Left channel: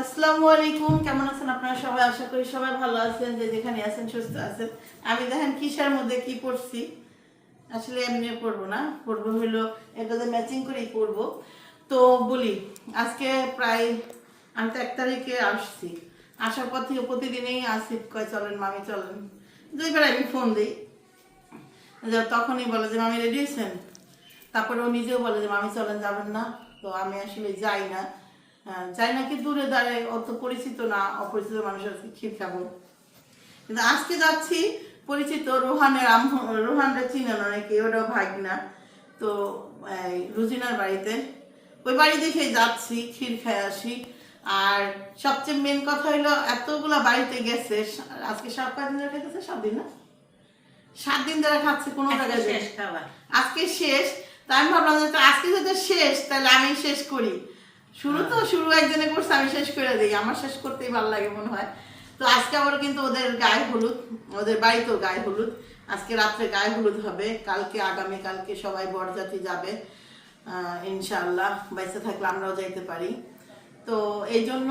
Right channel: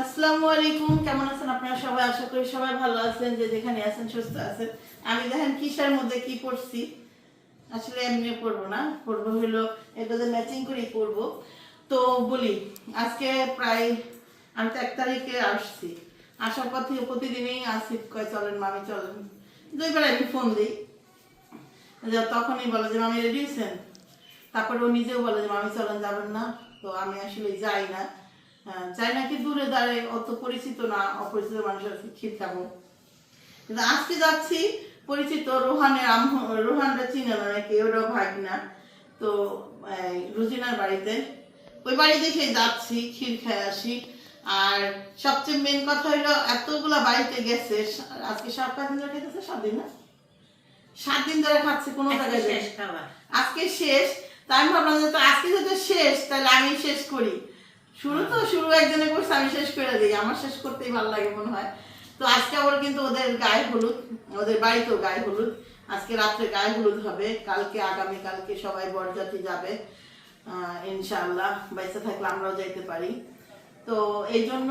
আসসালামু আলাইকুম, কেমন আছেন আপনারা সবাই? আশা করি সবাই ভালো আছেন, যে যেখানে আছেন সুস্থ আছেন। আমি দেখেন কিসের মধ্যে কি পড়ছি? আসলে এমনি পড়ব না, পড়ব হলো এটাতে ম্যাচিং করেই পড়ব। তো বলি, আজকে প্রায়, আমি তো এক তারিখে আসছি। আসার পর থেকে প্রতিদিনই আসিফ কয় চলেন মামি, চলেন। দুইবার আমি ফোন দিই। যে তখনই বলে যে, মামি রেডি হয়েছেন তারপরে ও নিজেও বলে যে, মামি চলেন, যাবেন না। তো আমি আসলে যাই না। হ্যাঁ, যাই না কি দূরে দাঁড়ায় অত পরিচিত না অপরিচিত মানুষের ক্ষীর খাব। কিন্তু আজকে যাচ্ছি পরিচিত রোহানের রোহানরা চিনেন অনেকে ওরাও ভাগনা। তো রুজিনার বাড়িতে। ওই বাড়ি দেখে যাচ্ছি ক্ষীর খেয়ে আসি। আর সবচেয়ে মেন কথা হলো এতগুলা বাড়িতে গেছে আজকে সাত পাঁচ দিন খেতেছে সাত দিন না? সাত দিন ধরে খাচ্ছে কোনো জায়গায় আজকে শেষ তাই আমি ভাবলাম যে আজকে যদি শেষ তাহলে আমি শেষ করি। শুরু তো শুরু একজনে করছে আমি শেষ করে দিই আমার শেষ করতেই ভালো লাগে মনে হয়। তো আজকে আবার কিন্তু ওদের গায়ে হলুদ ওদের বাড়িতেও গায়ে হলুদ। আজকে রাত্রে গায়ে হলুদ হবে কালকে আগামী কালকে সবাই বরযাত্রী যাবে আহ, ইনশাআল্লাহ বাইসে থাকলে আমরাও যাইতে পারি। তো এই জন্য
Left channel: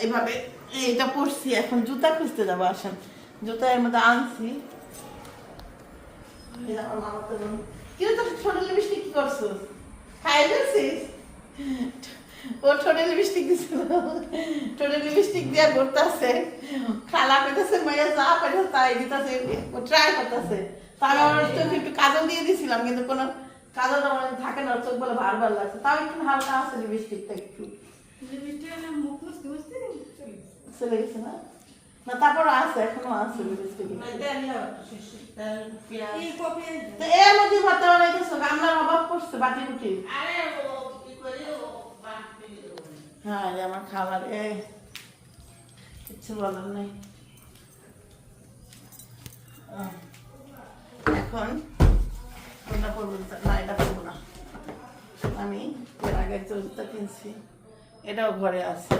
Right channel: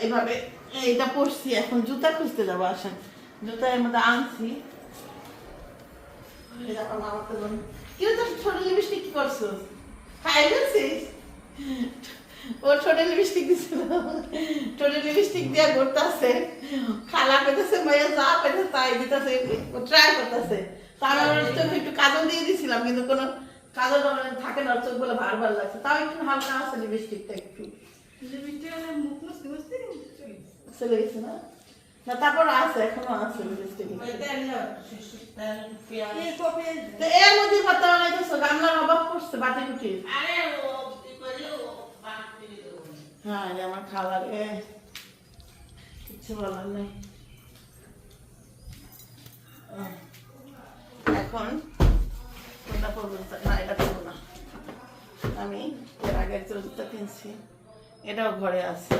এভাবে এইটা পড়ছি এখন জুতা খুঁজতে যাব আসেন। জুতা এর মধ্যে আনছি। কিন্তু তোর ছোট লিপস্টিক কি করছ? খাই ফেলছিস? ওর ছোট লিপস্টিক দিছিল লিপস্টিক দিয়া ঘুরতেছে। খালা পেতেছে মাইয়া যা তাই দিতেছে ও ট্রাই করতেছে। তো আমি আমার চোখে একটু কাজল দিয়ে দিছিলাম কিন্তু কোনো কাজল আমার থাকে না চোখ বলে ভার ভার লাগছে। তাও একটু হালকা আছে লিপস্টিকটা একটু। চলে গেছে। না? না তারপর আছে এখনও আছে লিপস্টিক তো এর মধ্যে ভাত বানাইতেছো গামলার অভাব করছে বাটি কুটি হ্যাঁ আমার খাবার এ কিচ্ছু বলার নেই। আহ, এখন কোনটা করব না এটা করব না। আমি এর আগে একটা জুতা কিনছি। এটাও ঘরে আছে।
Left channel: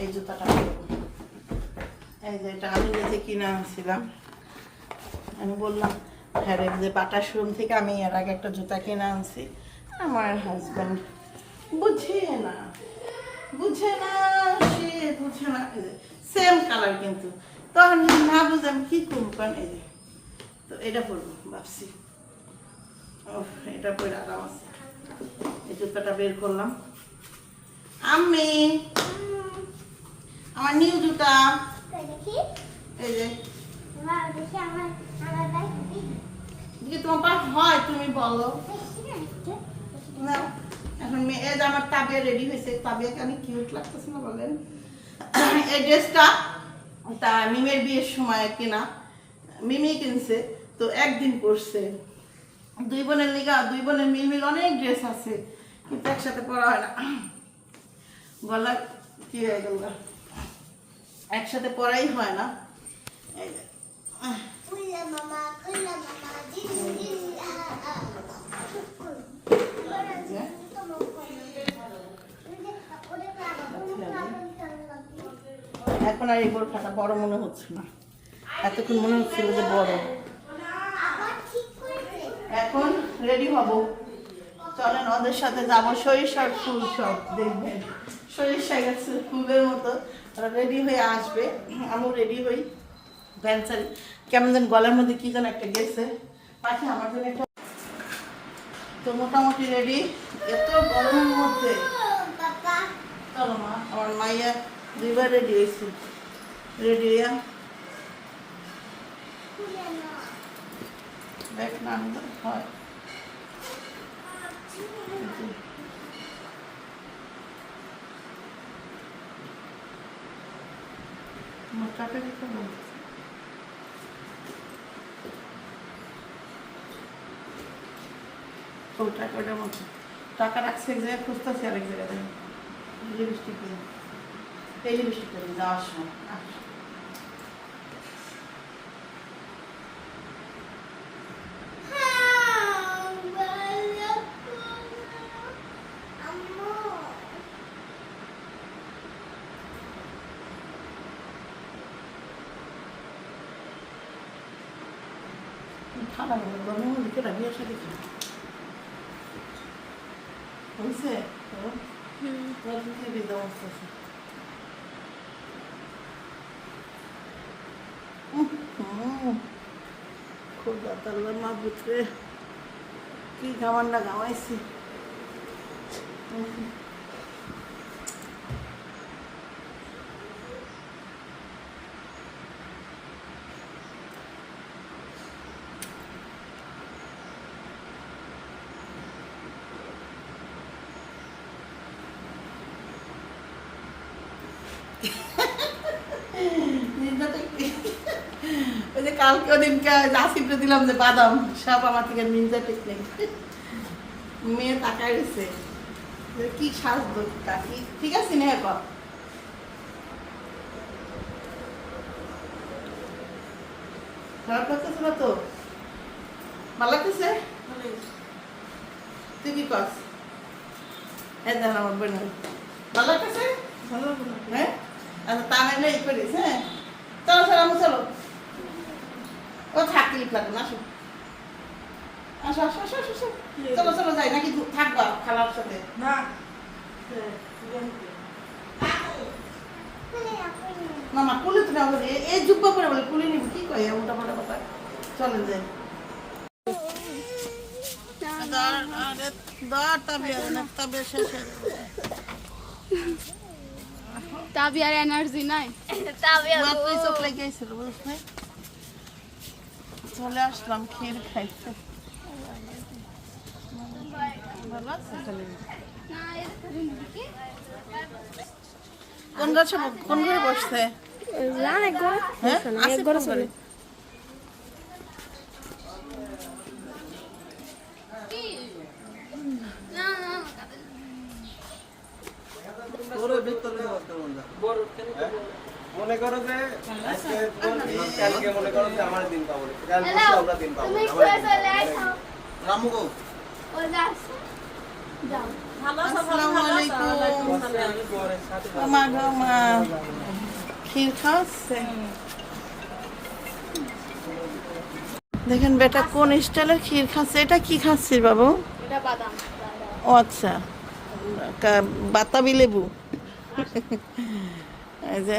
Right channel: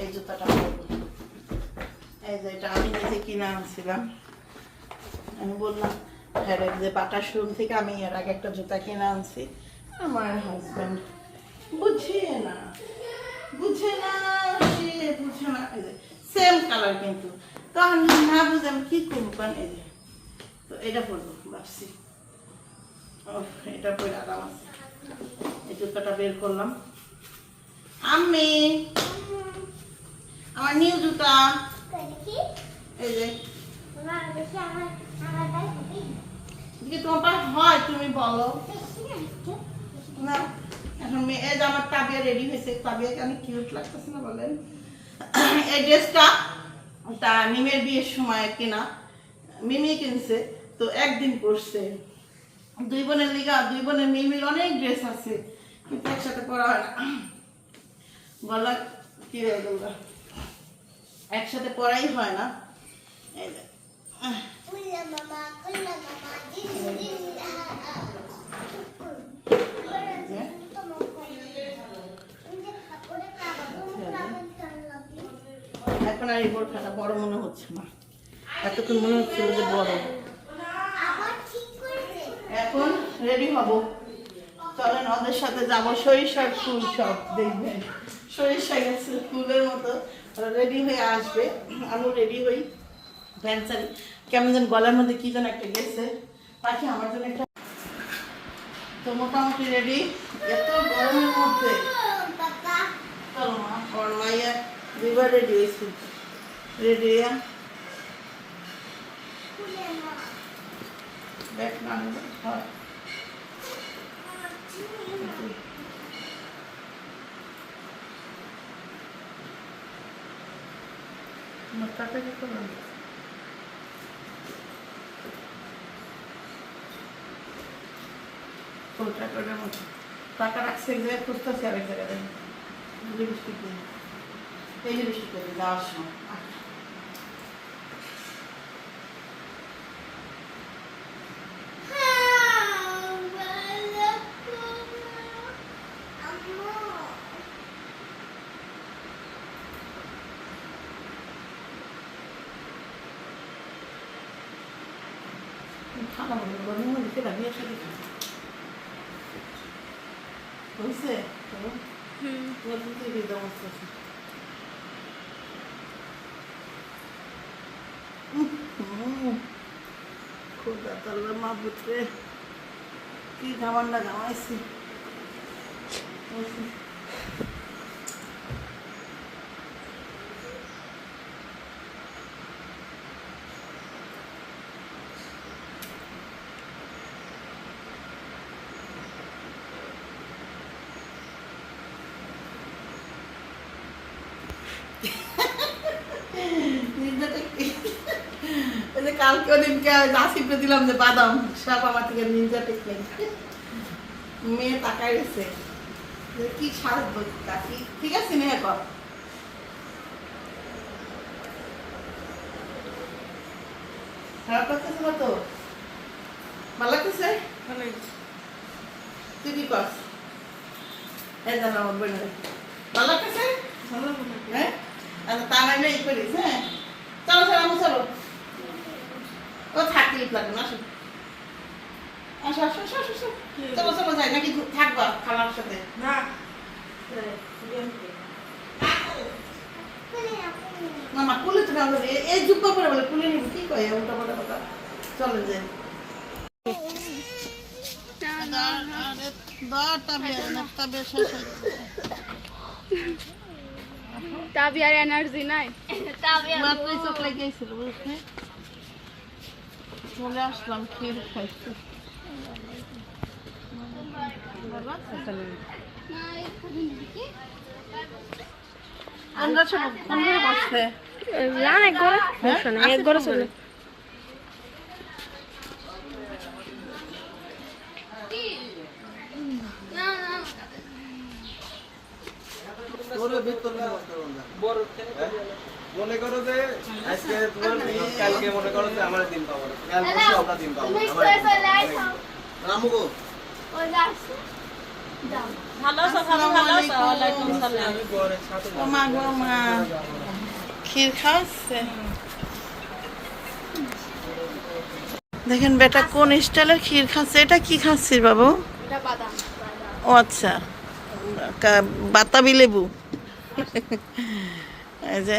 এই জুতাটা এই যে এটা আমি নিজে কিনে আনছিলাম। আমি বললাম হ্যাঁ যে বাটার শোরুম থেকে আমি এর আগে একটা জুতা কিনে আনছি আমার হাজব্যান্ড বুঝে না বুঝে না সে বুঝে না সেম কালার কিন্তু। তখন না বুঝে আমি কি করব কারণ এই যে তো এটা পরবো ভাবছি। ও এটা পরে আরাম আছে। এই জুতাটা বের করলাম। আমি আমার নিউ জুতা। এই যে। যদি তোমার হয় তুমি বলো। না এখন মেয়ে যে আমার তাবিয়া রেডি হয়েছে তাবিয়াকে অনেক কিউট লাগতেছে না বলেন? এই ড্রেসটা তা মিমের বিয়ের সময় কেনা মিমি কিনছে তো একদিন পরছে। দুই বোনের লিগা দুই বোনের মিল মিল অনেক ড্রেস আছে কিন্তু একসাথে পরা হয় না। গলা কি হয়ে গেল? একসাথে পরাই হয় না এই যে আহ, এই যে এখন আর এই বোরখাটা বড় মনে হচ্ছে না। এতক্ষণ মনে হচ্ছিল যে বড়। এখন রেডি হব। চলেন, ওদের সাথে যাব। সরিষার ফুল সব দেখবেন সরিষা গেছে ফুলের মতো। রেডি হয়ে আসবে। আমিও রেডি হই। প্যান্সারি কেমন যেন গলার মধ্যে কি যেন একটা গেছে। পাখি আমার জন্য একটা তো মোটামুটি রেডি এত গরমের মধ্যে। চলো মা, আমার মাইয়া দুইবার রেডি হয়েছে। রেডি হইয়া দেখ না হয় মাথাটা দিতে হবে ফুলটা করে মতো টাকা রাখছে এক জায়গায় খুঁজতেছি আরেক জায়গায় লিপস্টিক দিই এই লিপস্টিক দিই যাওয়ার সময় খারাপ হলো বসতেছে খুব ব্যথার মা পুত্রে কি খাবারটা খাওয়াইছি নিন্দাটা কি? ওই যে কালকে ওদিনকে নাসিবটা দিলাম যে বাদাম সব আমার থেকে নিনজা টেকনিক মেয়ে তাকায় গেছে কি সাজবো ঠিক আছে নেহা কর। খারাপ লাগতেছে না তো? ভালো লাগতেছে? তুই কি করস? হ্যাঁ জানো আমার বোন ভালো লাগতেছে? হ্যাঁ? আচ্ছা তা নাহলে ই করিস হ্যাঁ? চলো চলো আমি চলো। ও থাকতে লাগবে না আসো। আসো আসো আসো আসো, আসো। চলো চলো যাই নাকি থাকবা খালার সাথে? মামা কুলে আমার এ- এই জুব্বা করে বলে কুলে নিব কি কয় উল্টা পাল্টা কথা? চলেন যাই। দরটা বিয়ে না তবে শেষ হয়ে যাবে তাবি আর এনার্জি নাই। মাত্রই চোখ লেগে গেছিল বুঝলে? চলে আসলাম ক্ষীর খাইতে। ভালো কোন গাছে কোন ঘরে বসছে? লান ঘরে। হ্যাঁ? এক ঘরে না মনে করো যে আজকে কালকে মনে করো যে আমার দিন পাবো কালকে আমরা দিন পাবো দেখেন বেটা কোন স্টাইলের ক্ষীর খাচ্ছে? এটা কি খাচ্ছিস বাবু? ও আচ্ছা। বাতাবি লেবু। এই যে।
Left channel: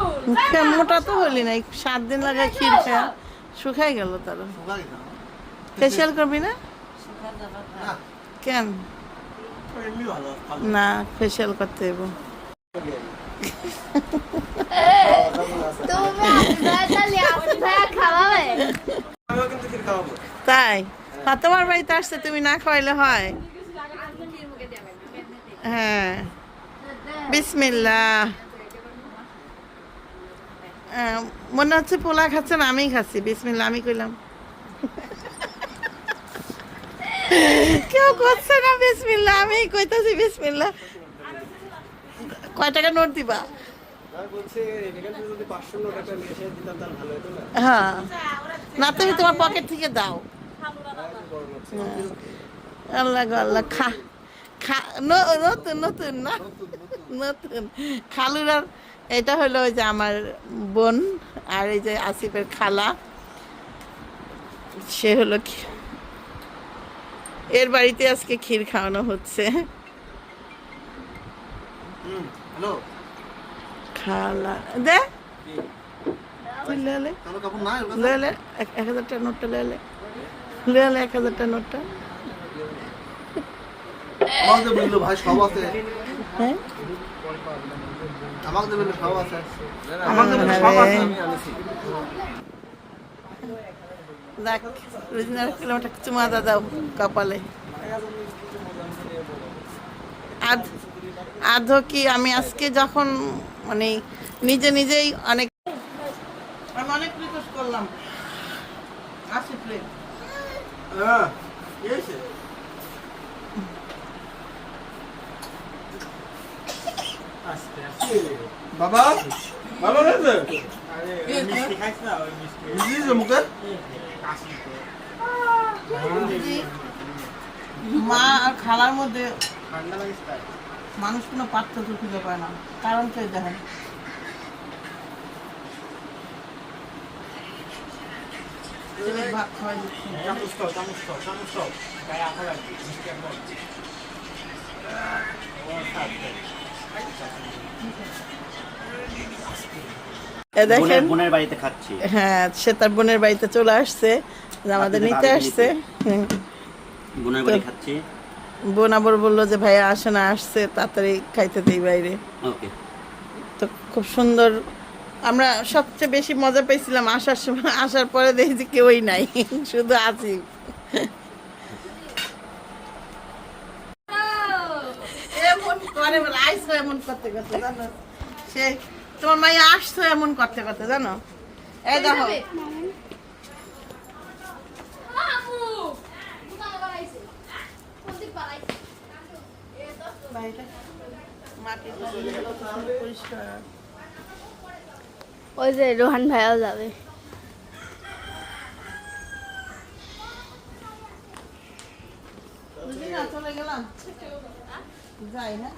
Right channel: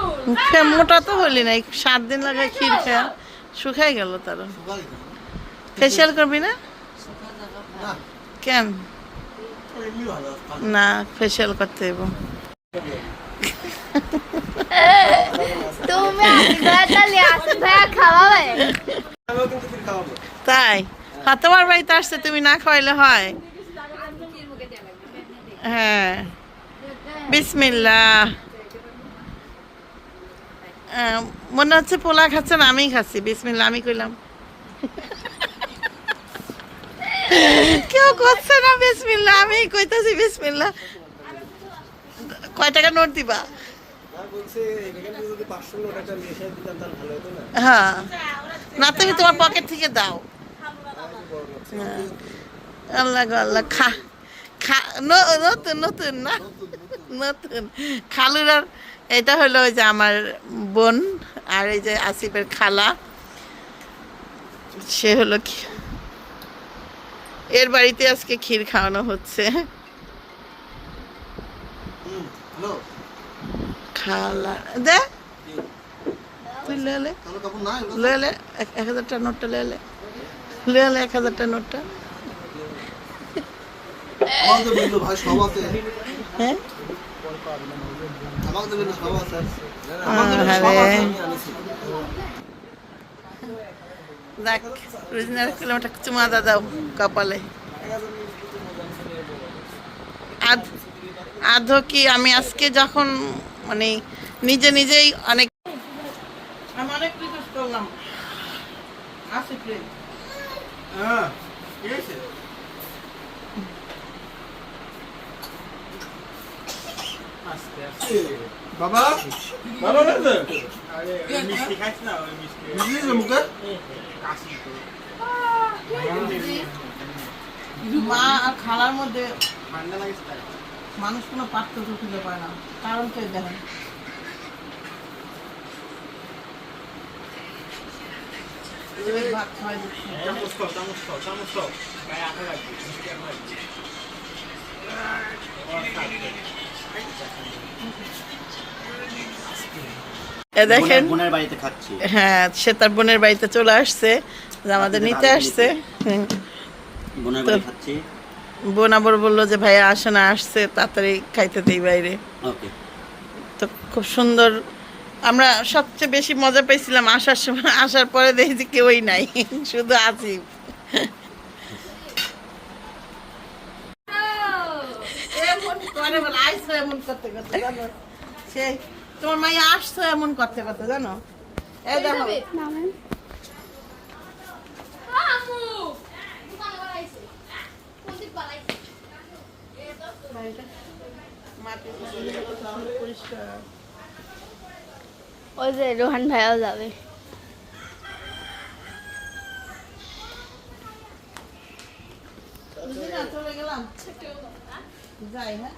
মুখে মোটা তো হলি না সাত দিন লাগা ক্ষীর খায় শুকাই গেল তার। ফেসিয়াল করবি না? না। কেন? না ফেসিয়াল করতে খাওয়াবো? তাই? হ্যাঁ তোমার বাড়িতে আসতে তুমি না খাওয়াইলে হয়। হ্যাঁ। বিসমিল্লা মনে হচ্ছে পোলা খাচ্ছেন আমি খাচ্ছি। বিসমিল্লা আমি কইলাম। কেউ করছে না বিসমিল্লা আমি কইতাছি বিসমিল্লা কয় টাকা নোট দিবা? হ্যাঁ। না তুমি তোমার পকেট থেকে দাও। হ্যাঁ। আল্লাহ আল্লাহ খা খা নতুন নতুন না নতুন। খালুরার এটা হলো যে আমার বোন আর এই যে আসিফের খালা। সে হলো কি- এর বাড়িতে আজকে ক্ষীর খাওয়ানো হচ্ছে। খালা দে। তুই লেলে লেলে এক হাজারটা নোটটা লেলে লেলে এক হাজারটা নোটটা। আমাদের ভাই সব আছে। হ্যাঁ আমাদের বলল সব আছে আহ, আমাদের বলল সব হ্যাঁ আছে রে। আমি জানিছি দেখ রোজিনার কিলোমিটার চুমা দাদাও কপালে। আধ আধো কি আমি আজকে যখন মানে নিজে নিজেই অনেক আমি অনেক রিকোয়েস্ট করলাম। আসিফ রে হ্যাঁ কি হয়েছে বাবা ভালো লাগছে মিষ্টি দিয়েছে মুখে মা আর খালার মধ্যে মানুষ কোনো পার্থক্য খুঁজে পায় না। কারণ কে দেখেন? দিচ্ছে। এ দেখেন বোনের বাড়িতে খাচ্ছি। হ্যাঁ সে তার বোনের বাড়িতে চলে আসছে আমাদের নিতে আসছে। বোনের বাড়ি খাচ্ছি। বোন আবার বলল যে ভাইয়া আসে না আসছে তাড়াতাড়ি খাইতে দিই বাইরে। তো খুব সুন্দর। আমরা সবচেয়ে বেশি মজা পেয়েছিলাম আসার সময়। আসার পরে দেখি যে কেউই নাই শুধু আসিফ। এমন করে আইসো এমন করতে করতে জানো? সেই তোমার মাইয়া আসছো এমন করতে করতে জানো? এই দেখো। ওই যে রোহান ভাইয়াও যাবে। চলে গেলাম? যাই হ্যাঁ?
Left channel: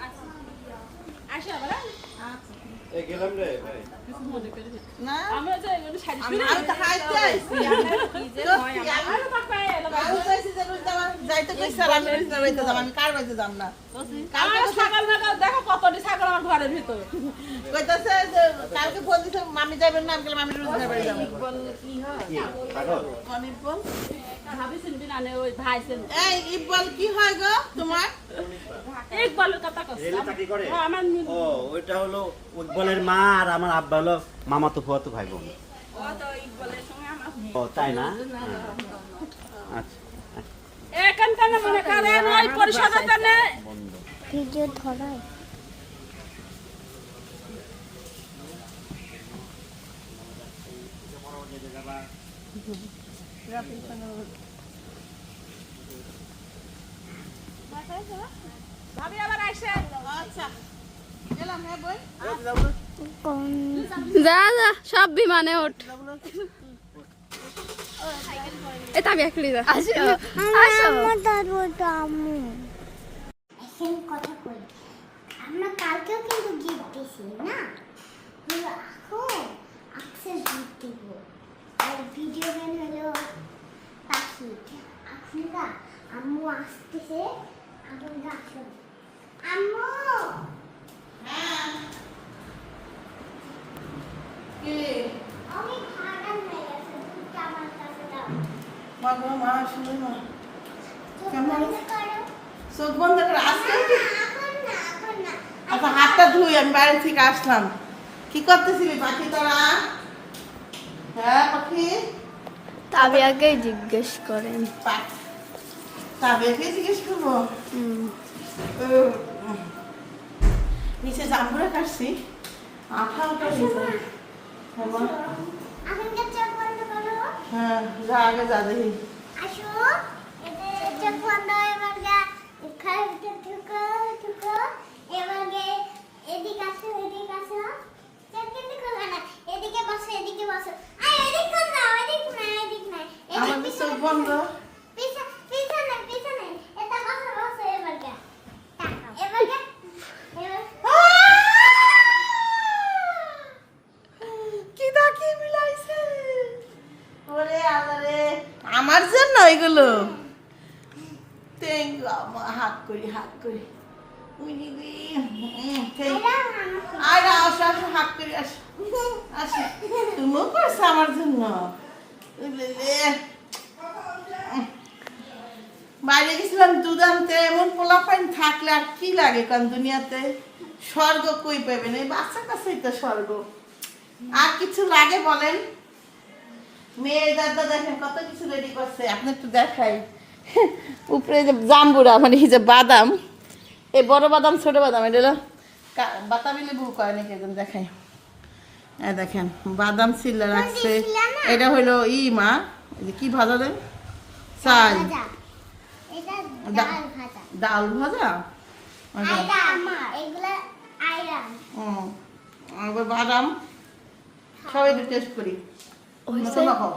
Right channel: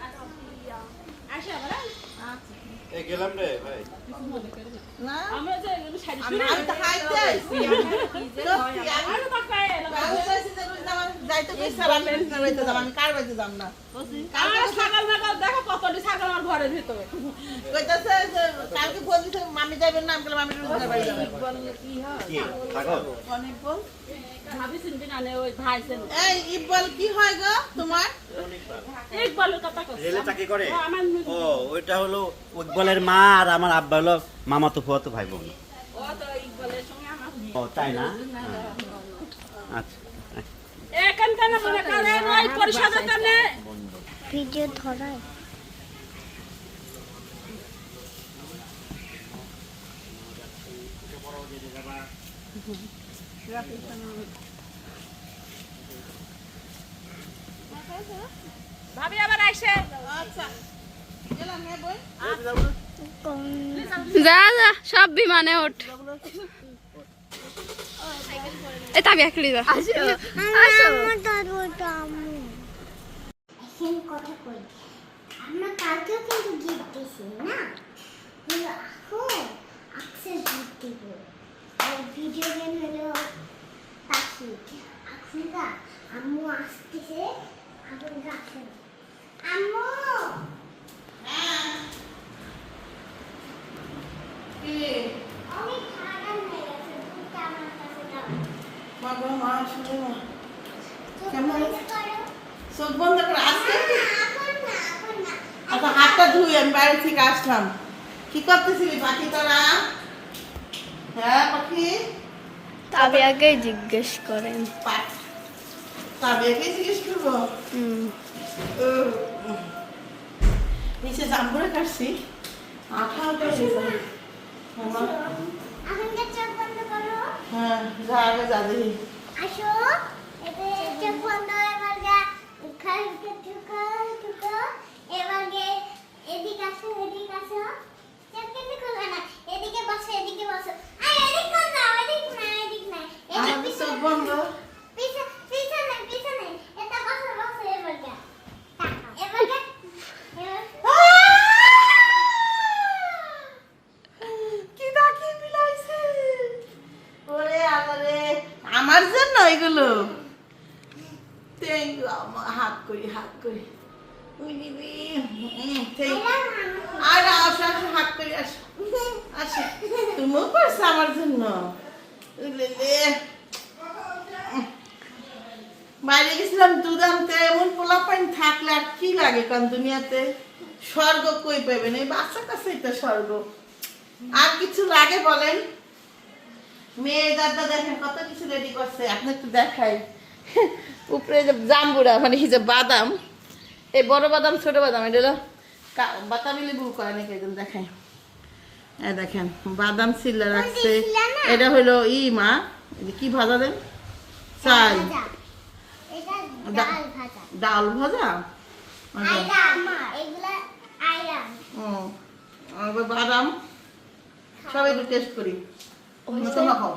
মামি যাবেন না আমি আমি বাড়ি যাব। এই ইকবাল কি হয় গো তোমার? ইকবালের কথা চাকরি করে? ও, আমার মেয়ে- ও ওইটা হলো উৎবলের মা আর আমার আব্বা হলো মামা তো ফুয়া ভাই বোন ও তো ইকবালের সঙ্গে আমার মেয়ে। ও তাই না? আচ্ছা মনে করেন ওই পরিষদের ভিডিও ধরায়। ভাবি আবার আইসে। আচ্ছা। গেলাম হ্যাঁ বই যা যা সব বিমানে ওঠ। এ তাবি একলি যা। সেম কথা কই আমরা কালকেও কিন্তু গিফট দিয়েছি না হলো এখন আকসেস গিফট দিব আর ভিডিও গেম হলো পাখি এখনকার আম্মু আসতেছে এখনকার আসেন আম্মু কি আমি খারাপ হয়ে গেছে দুধটা আমার কাছে দাও মা গো মা শুনে না চোখ কেমন? চোখ বন্ধ করে আচ্ছা হাতটা ধুই আমি বাইরে থেকে আসলাম। কি করতেছিলি পাখি তোরা? হ্যাঁ পাখি? তাবিয়াকে জিজ্ঞেস করেন। জিজ্ঞেস করব। নিচে জাম্বুরা কাটছি। আঠা হ্যাঁ, হ্যাঁ যা আগে যা দেখি। আসো। চোখ বন্ধ এবার গা খালকে ঢুকো ঢুকো এবার এদিকে আসো এদিকে আসো চোখ কিন্তু খুলবে না এদিকে বসো এদিকে বসো আয় এদিক কোন না এদিক না এদিক না এদিক আমাদের চোখ বন্ধ পিছনে পিছনে পিছনে এটা বসো বসো এবার গা এবার গা এবার কি ডাকি বিলাইছে ওরে আলারে আমার জন্য এগুলো থ্যাংক ইউ আমার হাত করি হাত করি উই দিদি থ্যাংক আর আসো আসো হাত করি আসো। আসো। তুমিও করছ আমার জন্য। বাইরে গেছিলাম দুধ আনতে, এমন পোলা পাইন থাকলে আর কি লাগে কারণ দুনিয়াতে? স্বর্গ কই পাবেন এই বাচ্চা কাছেই তো স্বর্গ। আর কিছু লাগে বলেন? মেয়ে দাদা দেখেন কত কিছু রেডি করছে? আপনি একটু দেখাই। উপরে যে জাম্বুরা মানে যে বাদাম। এই বড় বাদাম, ছোট বাদাম, এটা বাতাবি লেবু কয় নাকি একদম দেখাই এই দেখেন বাদাম সিল্লা রাখছে। এটা হলো ই মা। কি ভাজা দেন? চাল। ডাল ভাজা। ডাল ভাজা? আর আচ্ছা। এবার বাদাম? সবাই একটু টেস্ট করি। তোমরা খাও।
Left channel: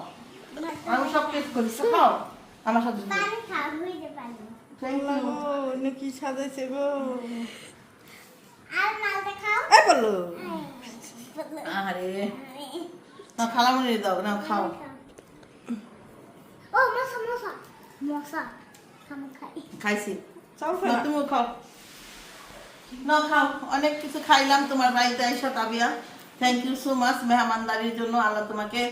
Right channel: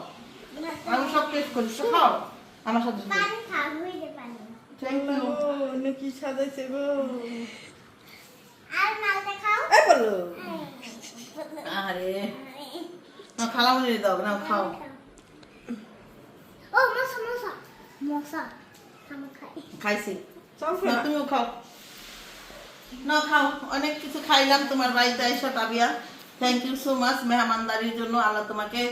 আমি সব টেস্ট করি তো খাও। আমার সাথে থ্যাংক ইউ কি সাজাইছে গো আর মালটা খাও এই বলো আরে না খালামুনি দাও না খাও। ও মশা মশা মশা খাইছি। না না তুমিও খাও। না খাও অনেক কিছু খাইলাম তোমার বাড়িতে এসে থ্যাংক ইউ সো মাচ মেহমানদারির জন্য। আল্লাহ তোমাকে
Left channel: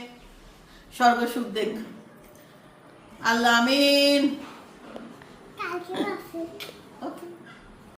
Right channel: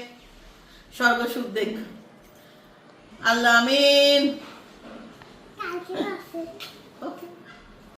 স্বর্গ সুখ দেখ। আল্লাহ আমিন।